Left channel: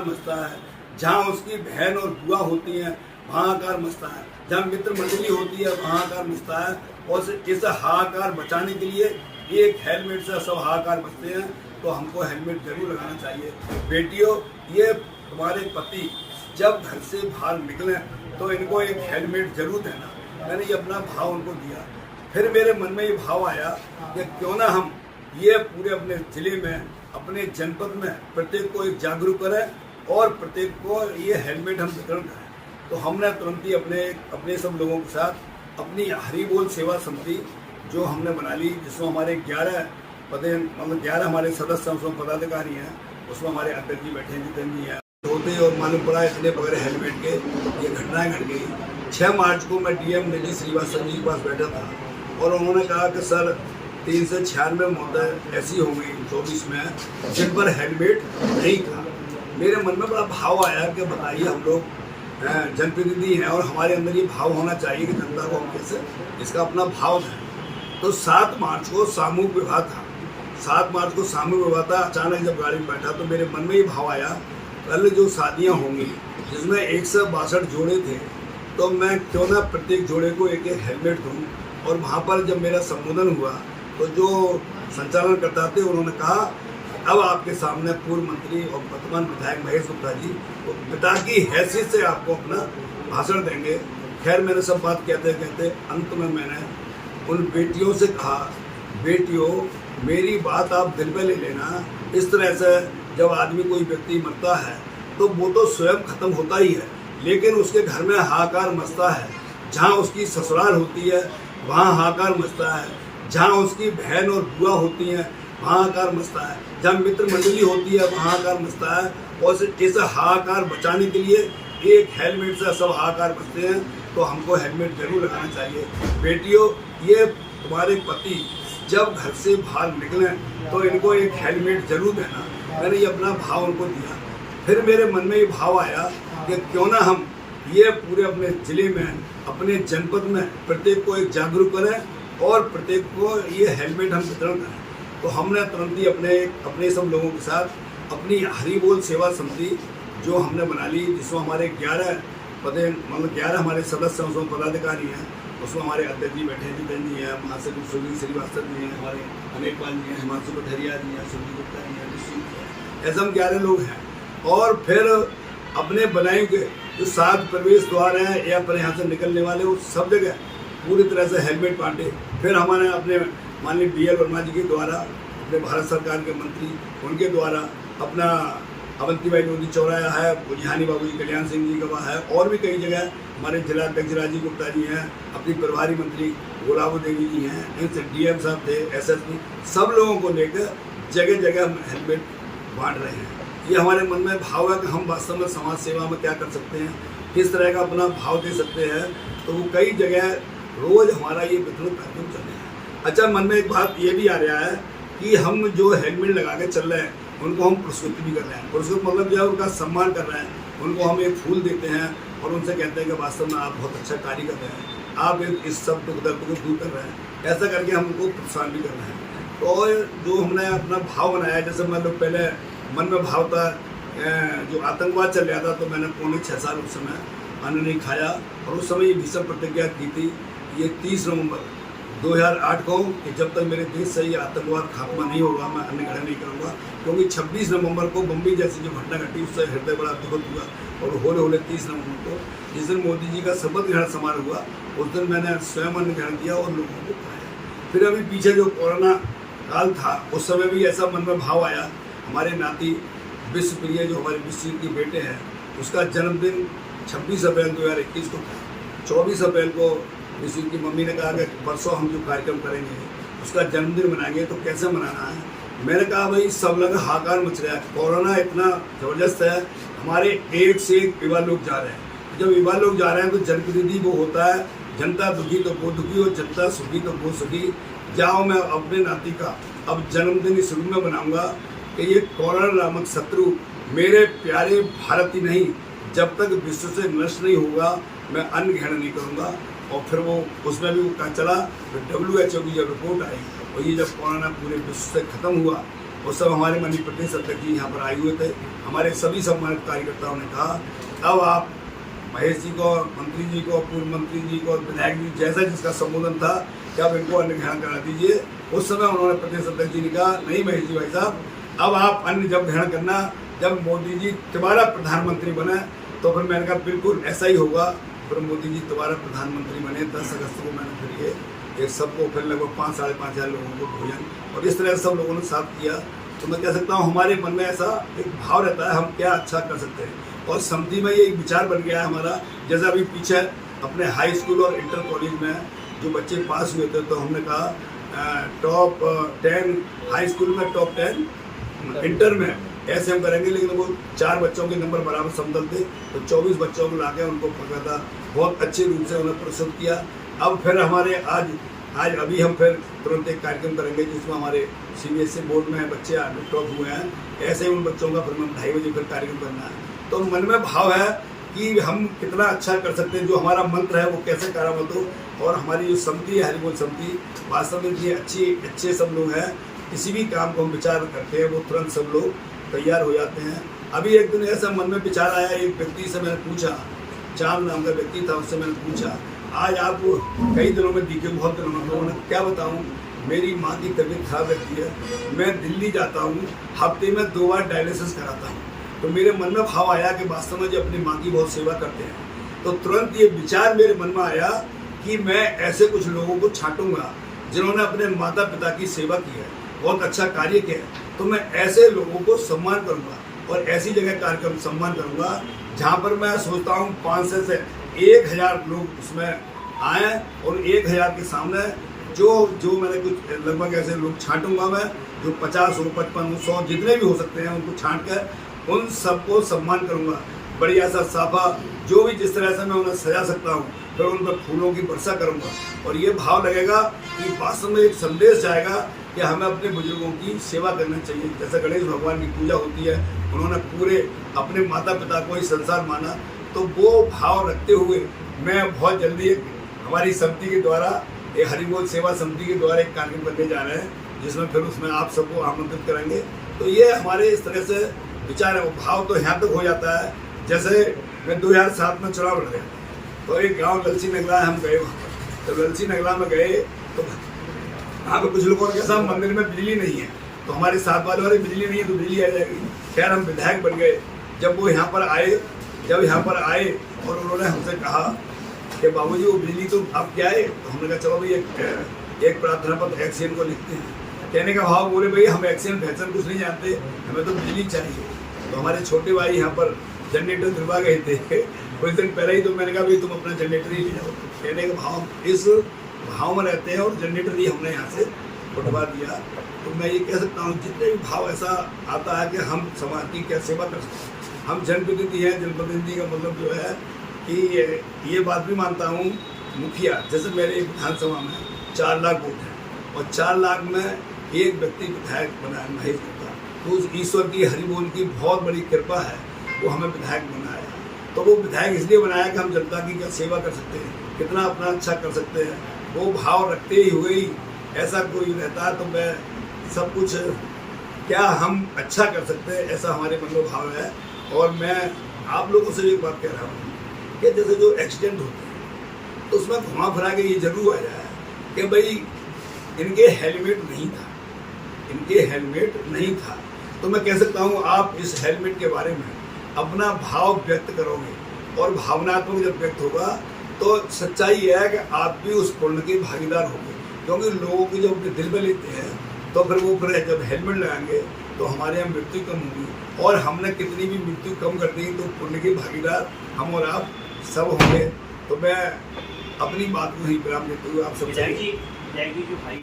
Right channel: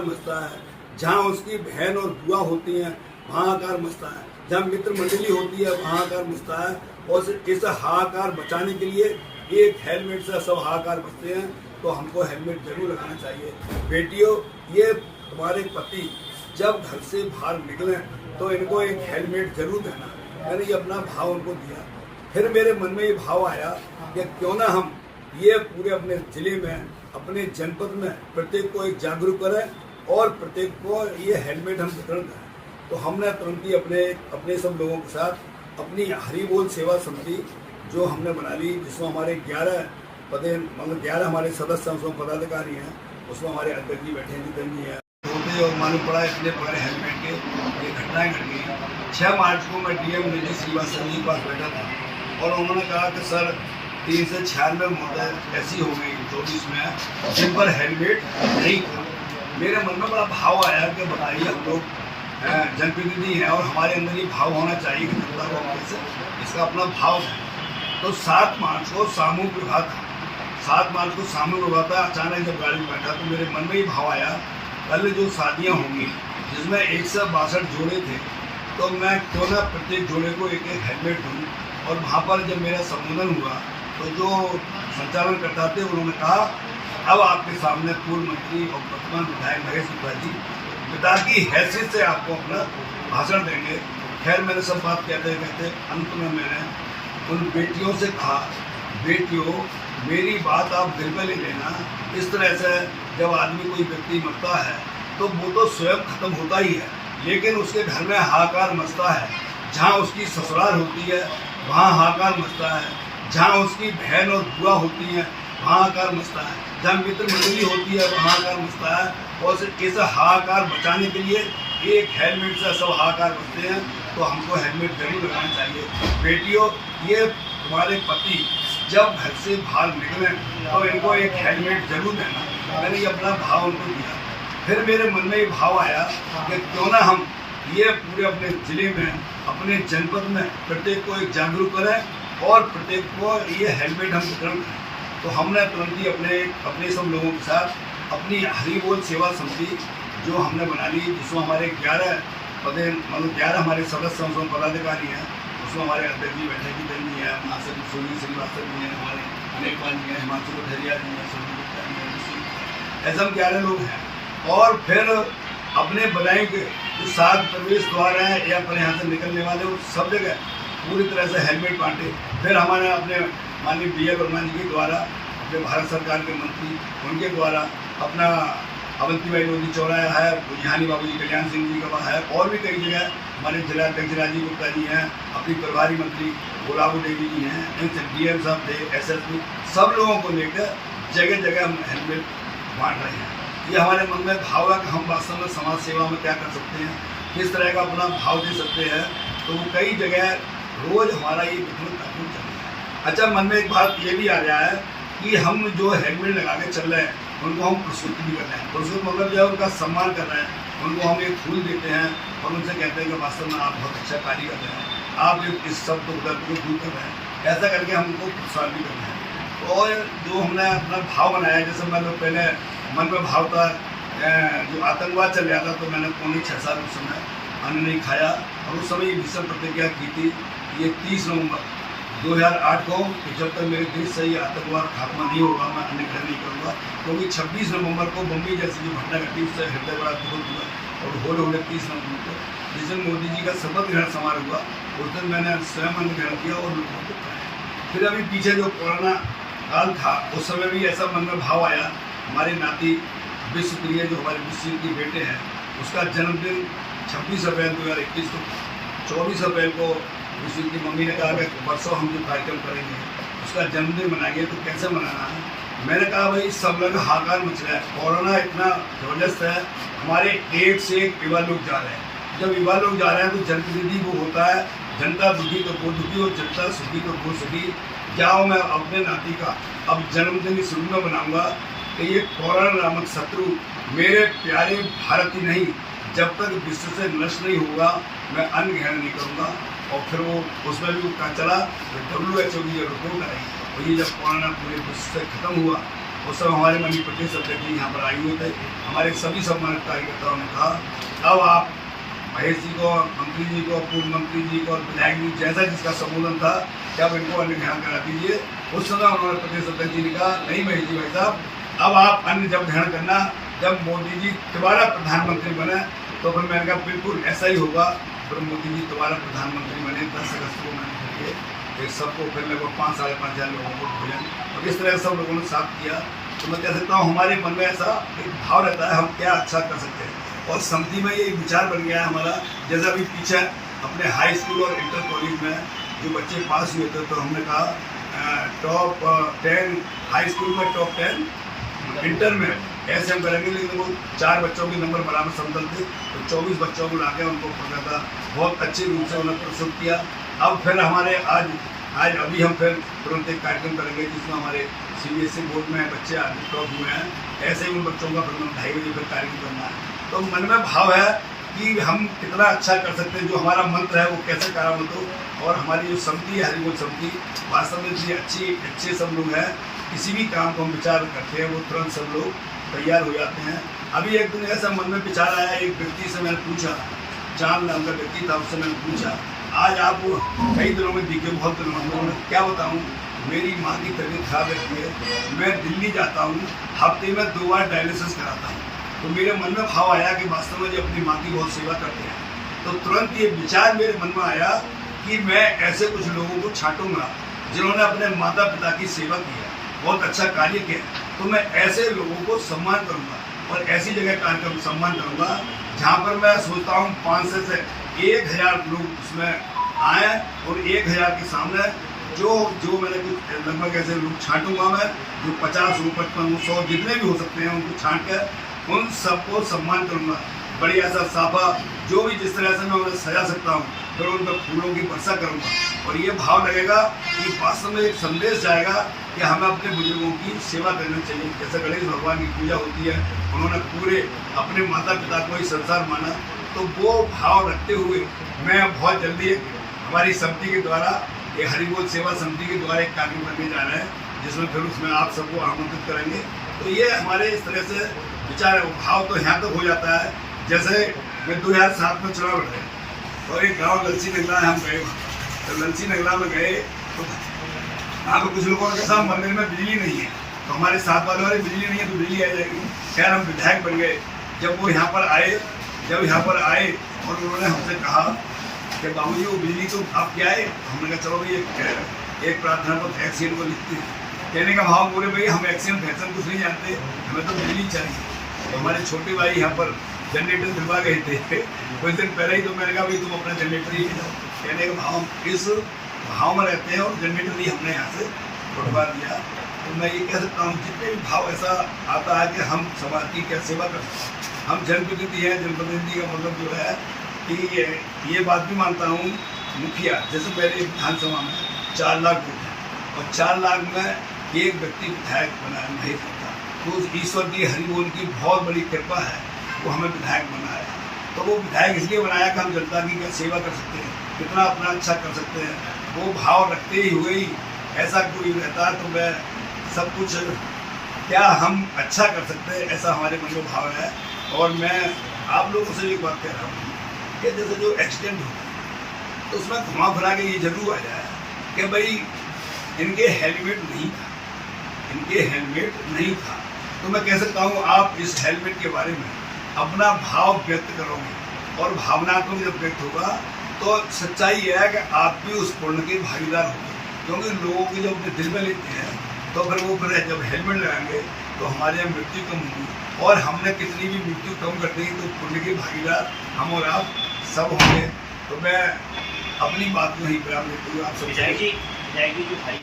हाहाकार मचता है, जहाँ उसकी बहन और बुआ होती हैं वहाँ हाहाकार मचता है, जहाँ मित्र मंडली होती है वहाँ हाहाकार मचता है। और इस हाहाकार बचाने के लिए एक हेलमेट से सब हाहाकार बचते हैं, तो हमको हेलमेट जरूर लगाना चाहिए। बेटियों, ये तुम्हारे पति जब घर से बाहर निकले तो इनको एक हेलमेट जरूर देना। मैंने ये अपना भाव उनको दिया। फिर मेरे मन में ये भाव आया कि क्यों ना हम ये पूरे अपने जिले में, अपने जनपद में प्रत्येक को एक जागरूक करें और प्रत्येक को ये हेलमेट हम वितरण करें। तो हमने तुरंत ही अपने सब लोगों के साथ अपनी हरि बोल सेवा समिति जो हमने बना ली, जिसमें हमारे 11 पदे मतलब 11 हमारे सदस्य उसमें पदाधिकारी हैं, उसमें हमारे अध्यक्ष जी बैठे हैं, जितेंद्र जी हैं। होते ही और मालूम पड़ा इतने बगैर हेलमेट के ये घटनाएं घट गई। 6 मार्च को मैं डीएम निधि श्रीवास्तव जी के पास बैठा था और उन्होंने कहा कि सर 396 मौतें ऐसी हो गई 24 में जिन पर हेलमेट नहीं था। मेरे मन में बड़ा भाव आया कि बताइए, हम लोग जनप्रतिनिधि हैं और हमारे अंदर ये भाव होना चाहिए कि जनता को हम कैसे इसका अपना भाव है। तो 7 मार्च को सामूहिक विवाह था। 7 मार्च को सामूहिक विवाह था। अचानक जब गाड़ी में बैठा तो मेरे मन में ये भाव आया, कल जो शादियाँ होंगी जिसमें 162 जोड़े थे, तो मैं क्यों ना प्रत्येक जोड़े को एक एक हेलमेट दूँ। और वहाँ पर जब मेरा संबोधन हुआ तो जो संचालन करता थे उन्होंने कहा, अब आपके सामने पूर्व मंत्री और वर्तमान विधायक महेश गुप्ता जी तो पिता की हैसियत से आपको अपना भाषण देंगे। खैर मैंने सब बात कहते अंत में मैंने उन बेटियों से कहा, बेटियों मेरी बात आप दिल में ले लेना। इस तरह से जब आदमी कोई व्यक्ति मरता है तो वो तो स्वयं खत्म होता ही है, लेकिन उसके घर में हाहाकार मचता है। जहाँ उसकी ससुराल होती है वहाँ हाहाकार मचता है, जहाँ उसकी बहन और बुआ होती हैं वहाँ हाहाकार मचता है, जहाँ मित्र मंडली होती है वहाँ हाहाकार मचता है। और ऐसा हाहाकार बचाने के लिए एक हेलमेट से सब हाहाकार बचते हैं, तो हमको हेलमेट जरूर लगाना चाहिए। बेटियों, ये तुम्हारे पति जब घर से बाहर निकले तो इनको एक हेलमेट जरूर देना। मैंने ये अपना भाव उनको दिया। फिर मेरे मन में ये भाव आया कि क्यों ना हम ये पूरे अपने जिले में, अपने जनपद में प्रत्येक को एक जागरूक करें और प्रत्येक को ये हेलमेट हम वितरण करें। तो हमने तुरंत ही अपने सब लोगों के साथ अपनी हरि बोल सेवा समिति जो हमने बना ली, जिसमें हमारे 11 पदे मतलब 11 हमारे सदस्य उसमें पदाधिकारी हैं, उसमें हमारे अध्यक्ष जी बैठे हैं, जितेंद्र जी हैं, महासचिव सुनील श्रीवास्तव जी हैं, हमारे अनेक पाल जी हैं, हिमांशु कठरिया जी हैं, सुनील गुप्ता जी हैं, ऐसे हम 11 लोग हैं। और फिर अपने बनाए के जो 7 प्रवेश द्वार हैं या पर यहाँ से निकलने वाले, उस सब जगह पूरी तरह से हेलमेट बांटे। फिर हमारे अपने माननीय BL वर्मा जी के द्वारा, अपने भारत सरकार के मंत्री उनके द्वारा अपना अवंतीबाई लोधी चौराहा है, बुझानी बाबू जी, कल्याण सिंह जी का है, और भी कई जगह हमारे जिला अध्यक्ष राजीव गुप्ता जी हैं, अपनी प्रभारी मंत्री गुलाबो देवी जी हैं, इनसे DM साहब थे, SSP, सब लोगों को लेकर जगह जगह हम हेलमेट बांट रहे हैं। ये हमारे मन में भाव है कि हम वास्तव में समाज सेवा में क्या कर सकते हैं, किस तरह का अपना भाव दे सकते हैं। तो वो कई जगह रोज़ हमारा ये वितरण कार्यक्रम चल रहा है। अच्छा, मन में एक बात ये भी आ रहा है कि हम जो हेलमेट लगा के चल रहे हैं उनको हम पुरस्कृत भी कर रहे हैं। पुरस्कृत मतलब जो है उनका सम्मान कर रहे हैं, उनको हम एक फूल देते हैं और उनसे कहते हैं कि वास्तव में आप बहुत अच्छा कार्य कर रहे हैं, आप इस सब दुख दर्द को दूर कर रहे हैं। ऐसा करके हम उनको प्रोत्साहन भी कर रहे हैं। तो जो हमने अपना भाव बनाया, जैसे मतलब पहले मन में भाव था जो आतंकवाद चल रहा था, तो मैंने पौने 6 साल उस समय अन्न नहीं खाया और उस समय ये भीषण प्रतिज्ञा की थी, ये 30 नवंबर 2008 को कि जब तक मेरे देश से ये आतंकवाद खात्मा नहीं होगा मैं अन्न ग्रहण नहीं करूँगा। क्योंकि 26 नवंबर को बम्बई जैसी जो घटना घटी उससे हृदय बड़ा दुख हुआ। और होले 30 नवंबर को जिस दिन मोदी जी का शपथ ग्रहण समारोह हुआ, उस दिन मैंने स्वयं अन्न ग्रहण किया और लोगों को खाया। फिर अभी पीछे जो कोरोना काल था उस समय भी ऐसा मन में भाव आया। हमारे नाती विश्वप्रिय जो हमारे विश्व के बेटे हैं, उसका जन्मदिन 26 अप्रैल 2021 को था। 24 अप्रैल को विश्व की मम्मी ने कहा कि परसों हम जो कार्यक्रम करेंगे उसका जन्मदिन मनाएंगे, तो कैसे मनाना है। मैंने कहा भाई सब लोग हाहाकार मच रहा है, कोरोना इतना ज़बरदस्त है, हमारे एक से एक युवा लोग जा रहे हैं। जब युवा लोग जा रहे हैं तो जनप्रतिनिधि वो होता है, जनता दुखी तो वो दुखी और जनता सुखी तो वो सुखी। जाओ, मैं अपने नाती का अब जन्मदिन इस रूप में बनाऊँगा कि ये कोरोना नामक शत्रु मेरे प्यारे भारत ही नहीं, जब तक विश्व से नष्ट नहीं होगा मैं अन्न ग्रहण नहीं करूँगा। और फिर वो उसमें भी वो चला तो WHO की जो रिपोर्ट आई और ये जब कोरोना पूरे विश्व से ख़त्म हुआ उस समय हमारे माननीय प्रदेश अध्यक्ष जी यहाँ पर आए हुए थे। हमारे सभी सम्मानित कार्यकर्ताओं ने कहा अब आप महेश जी को, मंत्री जी को, पूर्व मंत्री जी को और विधायक जी जैसा जिसका संबोधन था कि आप इनको अन्य ग्रहण करा दीजिए। उस समय उन्होंने प्रदेश अध्यक्ष जी ने कहा नहीं महेश जी भाई साहब, अब आप अन्य जब ग्रहण करना जब मोदी जी दोबारा प्रधानमंत्री बने। तो फिर मैंने कहा बिल्कुल ऐसा ही होगा। फिर मोदी जी दोबारा प्रधानमंत्री बने 10 अगस्त को मैंने फिर सबको फिर लगभग 5-5,500 लोगों को भोजन और इस तरह सब लोगों ने साफ किया। तो मैं कह सकता हूँ हमारे मन में ऐसा एक भाव रहता है हम क्या अच्छा कर सकते हैं और समिति में ये विचार बन गया है हमारा। जैसा अभी पीछे अपने हाई स्कूल और इंटर कॉलेज में जो बच्चे पास हुए थे तो हमने कहा टॉप 10 हाई स्कूल में, टॉप 10 इंटर में ऐसे हम करेंगे। लेकिन वो 4 बच्चों के नंबर बराबर समतल थे तो 24 बच्चों को लाके उनको प्रदाता बहुत अच्छे रूप से उन्हें प्रस्तुत किया। अब फिर हमारे आज अभी हम फिर तुरंत एक कार्यक्रम करेंगे जिसमें हमारे CBSE बोर्ड में बच्चे आगे टॉप हुए हैं। ऐसे ही उन बच्चों का फिर 2:30 बजे फिर कार्यक्रम करना है। तो मन में भाव है कि हम कितना अच्छा कर सकते हैं, जो हमारा मंत्र है वो कैसे करामत हो। और हमारी जो समिति है हरिबोल समिति वास्तव में इतनी अच्छे सब लोग हैं, किसी भी काम को हम विचार करते हैं वो तुरंत सब लोग तैयार हो जाते हैं। अभी एक दिन ऐसा मन में विचार आया, एक व्यक्ति से मैंने पूछा, चांद नाम का व्यक्ति था, उससे मैंने पूछा आज आप कई दिनों में दिखे, बहुत दिनों में। तो मैं क्या बताऊँ, मेरी माँ की तबीयत खराब रहती है, मैं दिल्ली जाता हूँ, हफ्ते में 2 बार डायलिसिस कराता हूँ। तो मेरे मन में भाव आया कि वास्तव में जो अपनी माँ की बहुत सेवा करते हैं। तो तुरंत ये विचार मेरे मन में आया कि मैं ऐसे कुछ लोगों को छांटूंगा जिन्होंने अपने माता पिता की सेवा की है, बहुत अच्छा कार्य किया है। तो मैं ऐसे लोगों को सम्मान करूँगा और ऐसी जगह कार्यक्रम सम्मान करूँगा जहाँ पर मैं सोचता हूँ 500 से 1000 लोग उसमें आए और 1000 के सामने जो मैंने कुछ लगभग ऐसे लोग छांटूंगा मैं, जो 50 हो, 55 हो, 100 जितने भी हो सकते हैं उनको छांट कर उन सबको सम्मान करूँगा। बढ़िया सा साफा जो भी जिस तरह से मैं उन्हें सजा सकता हूँ फिर उन पर फूलों की वर्षा करूँगा। और ये भाव लगेगा कि वास्तव में एक संदेश जाएगा कि हमें अपने बुजुर्गों की सेवा करनी चाहिए। जैसे गणेश भगवान की पूजा होती है, उन्होंने पूरे अपने माता पिता को ही संसार माना। तो वो भाव रखते हुए मैं बहुत जल्दी हमारी समिति के द्वारा ये हरिबोल सेवा समिति के द्वारा एक कार्यक्रम करने जा रहे हैं जिसमें फिर उसमें आप सबको आमंत्रित करेंगे। तो ये हमारे इस तरह से विचार है। भाव तो यहाँ तक हो जाता है, जैसे मैं 2007 में चुनाव लड़े तो एक गांव ललसी नगला हम गए, तो ललसी नगला में गए तो वहाँ पर कुछ लोगों ने कहा मंदिर में बिजली नहीं है। तो हमारे साथ वाले बिजली नहीं है तो बिजली आ जाएगी। खैर हम विधायक बन गए। जब यहाँ पर आए और उन्होंने हमसे कहा कि बाबूजी वो बिजली तो आप क्या है, तो हमने कहा चलो भाई एक प्रार्थना पत्र एक्शन को लिखते हैं। कहने का भाव बोले भाई हम एक्शन फैक्शन कुछ नहीं जानते, हमें तो बिजली चाहिए। तो हमारे छोटे भाई यहाँ पर जनरेटर दिलवा गए थे कुछ दिन पहले ही। तो मैंने कहा भाई तुम अपना जनरेटर ही ले जाओ। कहने का भाव इस भाव में रहते हैं और जनरेटर भी हमने यहाँ से उठवा दिया। तो मैं ये कह सकता हूँ जितने भी भाव ऐसा आता है कि हम समाज की क्या सेवा कर सकते हैं। हम जनप्रतिनिधि हैं, जनप्रतिनिधि का मतलब जो है कि ये बात भी मानता हूँ मुखिया, जैसे मेरे विधानसभा में 4 लाख वोट हैं और 4 लाख में एक व्यक्ति विधायक बना नहीं सकता। तो ईश्वर की हरिबोल की बहुत बड़ी कृपा है, वो हमें विधायक बनाया। तो वो विधायक इसलिए बनाया कि हम जनता की क्या सेवा कर सकते हैं, कितना अपना अच्छा कर सकते हैं। वो भाव रखते ही हुए ही ऐसा कोई रहता तो मैं सब कुछ क्या हम अच्छा कर सकते हैं, ऐसा हमारे मन में भाव है। और मैं आप लोगों से एक बात कह रहा हूँ कि जैसे जो एक्सीडेंट होता है तो उसमें घुमा फिरा के ये जरूर आ जाए कि भाई इनके हेलमेट नहीं था। तो मैं कह सकता हूँ आप इस हेलमेट के बारे में अपना भाव व्यक्त करोगे और भावनात्मक जब व्यक्त होगा तो सच्चाई यह है कि आप भी उस पुण्य के भागीदार होंगे। क्योंकि लोगों की जब अपने दिल में लेते हैं तो फिर वो फिर जब हेलमेट लगाएंगे तो हमारे यहाँ मृत्यु कम होगी। और हमने कितनी भी मृत्यु कम कर दी तो पुण्य के भागीदार हम और आप सब होंगे। तो मैं अपनी बात में ही विराम देते हुए आप सबसे